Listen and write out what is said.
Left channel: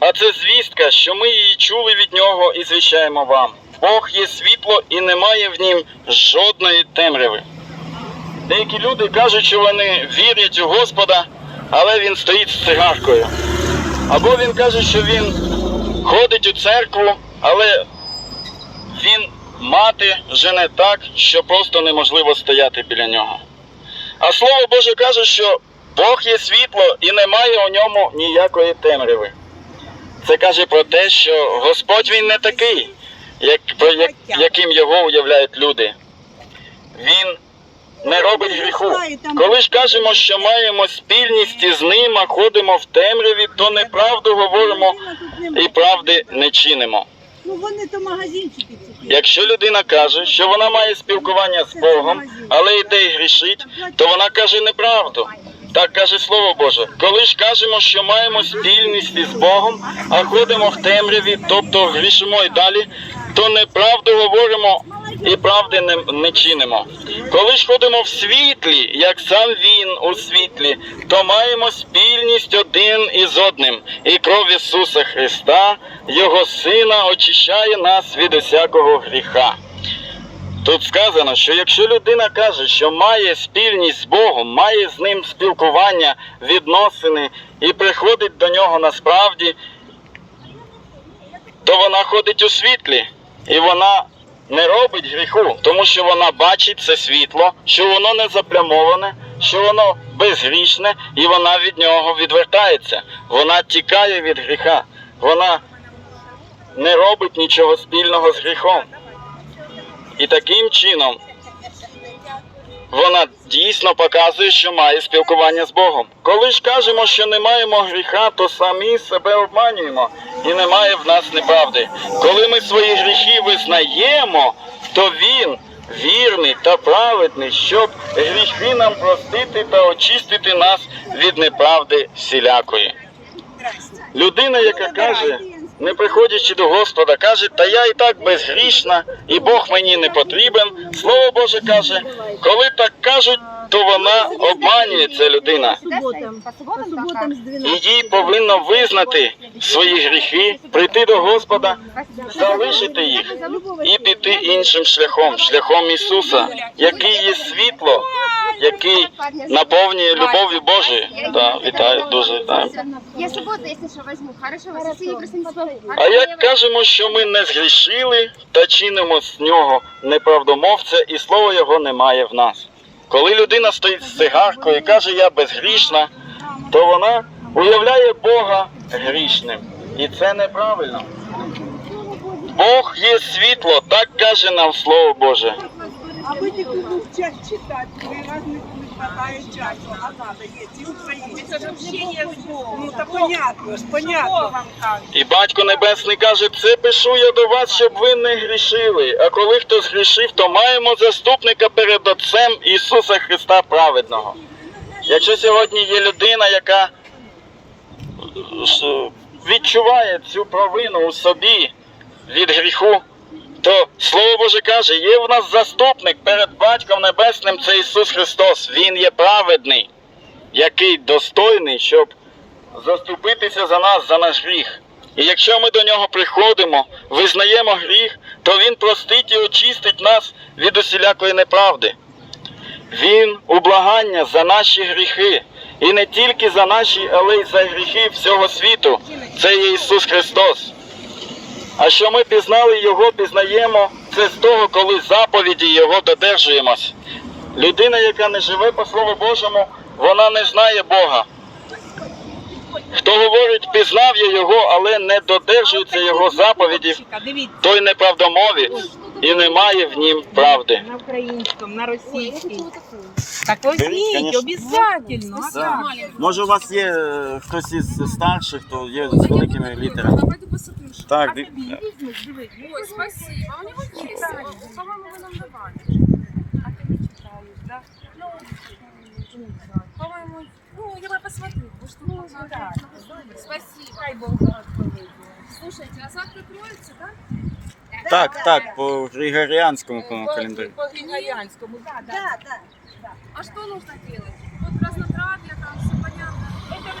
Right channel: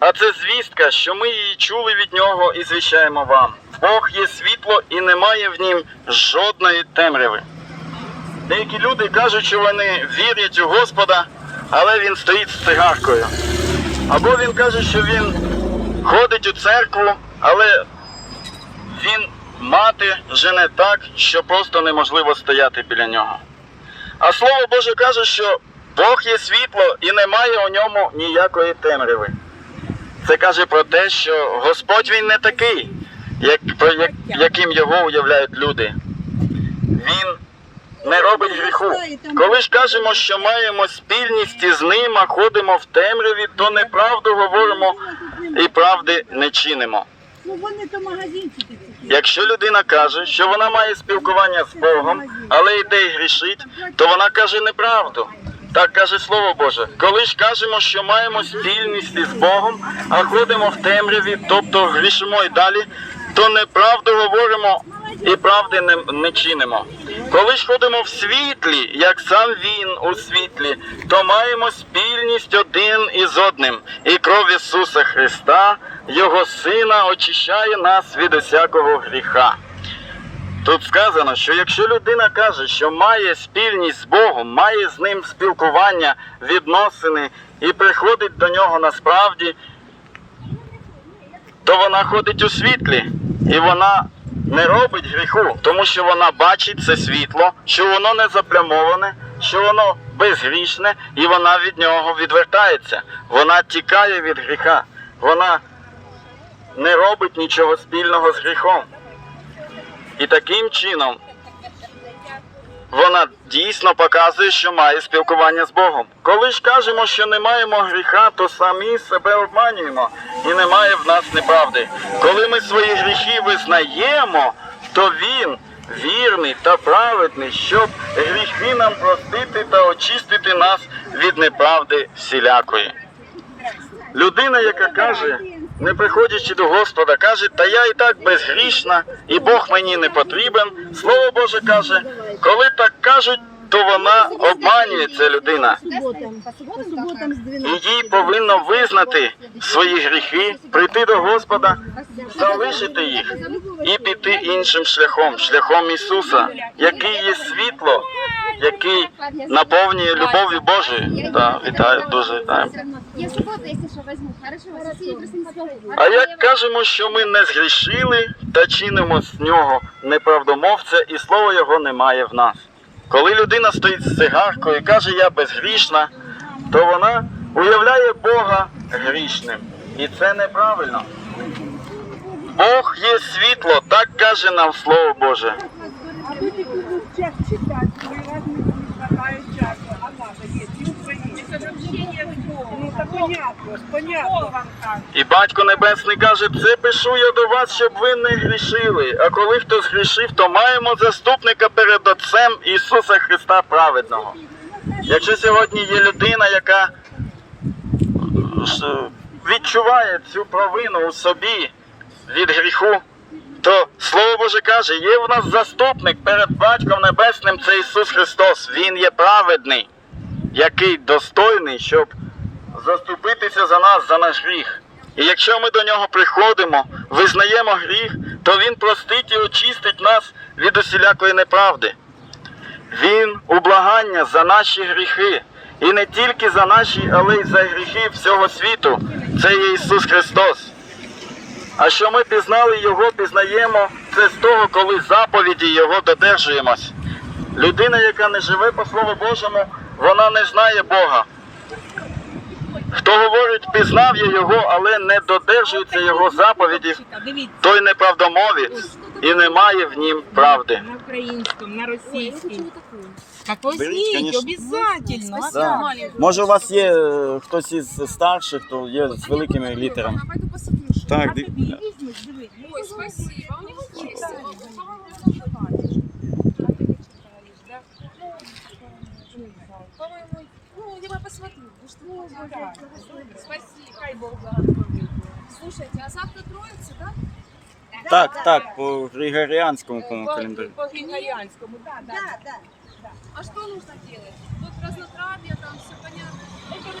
а це звістка, що ми її чули від нього і звіщаємо вам. Бог є світло і немає в нім жодної темряви. Деякі люди кажуть, що вони вірять у Господа, але він стоїть з цигаркою. Або він каже, що він ходить у церкву, але він мати жене так, що просто неможливо стояти біля нього. А слово Боже каже, що Бог є світло і немає у ньому ніякої темряви. Це каже про те, що Господь він не такий, як, як, яким його уявляють люди. Він не робить гріху. Коли ж кажемо, що маємо спільність із ним, а ходимо в темряві, то неправду говоримо і правди не чинимо. Якщо людина каже, що вона має спілкування з Богом, але йде і грішить, то вона каже неправду. Так каже Слово Боже. Коли ж кажемо, що маємо спільність із Богом, а ходимо в темряві, тобто грішимо і далі, то неправду говоримо і правди не, не чинимо. Коли ж ходимо в світлі, як сам Він у світлі, то маємо спільність один із одним, і кров Ісуса Христа, Його Сина, очищає нас від усякого гріха. Тут сказано, що якщо людина каже, що має спільність з Богом, має з ним спілкування, відносини і приходить до нього насправді, то вона ходить у світлі і вона не робить гріху, тому що вона бачить це світло, що воно не заплямоване, що воно безгрішне, і вона від нього відвертається. Вона тікає від гріха. Вона не робить нічого спільного з гріхом. І таким чином вона дійсно показує, що має спілкування з Богом. Коли ж кажемо, що не маємо гріха, то самі себе обманюємо і немає в нас неправди. Коли ми свої гріхи визнаємо, то Він вірний та праведний, щоб гріхи нам простити та очистити нас від неправди всілякої. Людина, яка каже, не приходячи до Господа, каже, та я і так безгрішна, і Бог мені не потрібен. Слово Боже каже, коли так кажуть, то вона обманює ця людина. І їй повинно визнати свої гріхи, прийти до Господа, залишити їх і піти іншим шляхом, шляхом Ісуса, який є світло, який наповнює любов'ю Божою. Да, вітаю, дуже вітаю. Я субботу, если что, возьму. Хорошо, просто. А як кажемо, що ми не згрішили та чинимо з нього неправдомовця, і слова його немає в нас. Коли людина стоїть з цигаркою і каже, я безгрішна, то вона уявляє Бога грішним. І це неправильно. Бог є світло, так каже нам Слово Боже. А ви тільки час читати, три рази не хватає часу, а надо, є, ті Україні. Це ж общення з Ну, та понятно ж, понятно. І батько Небесний каже, це пишу я до вас, щоб ви не грішили. А коли хтось грішив, то маємо заступника перед Отцем Ісуса Христа праведного. Якщо сьогодні є людина, яка е, відчуває цю провину у собі від гріху, то Слово Боже каже, є в нас заступник перед Батьком Небесним, це Ісус Христос. Він є праведний, який достойний, щоб заступитися за нас, за наш гріх. І якщо ми до нього приходимо, визнаємо гріх, то Він простить і очистить нас від усілякої неправди. Він у благання за наші гріхи. І не тільки за наші, але й за гріхи всього світу. Це є Ісус Христос. А що ми пізнали Його, пізнаємо це з того, коли заповіді Його додержуємось. Людина, яка не живе по Слову Божому, вона не знає Бога. Хто говорить, пізнав я його, але не додержується його заповідів, той неправдомовець і немає в нім правди. на українському, на російському. Так возьміть, обов'язательно. Да. Може, у вас є е, хтось із старших, хто є з великими літерами. пойду посмотрю. Так, А ди- тобі візьмеш, дивись. Ой, спасибо. У него есть. По-моему, вы нам давали. А ти не да? Ну. По-моему, ну, я бы посмотрю. потому что, ну. Спасибо. Хай Бог благословить. Слушайте, а завтра Троица, да? Так, так, по Григоріанському по По- календарю. По Григоріанському, да, да. да. А что нужно делать? Вот разнотравье там все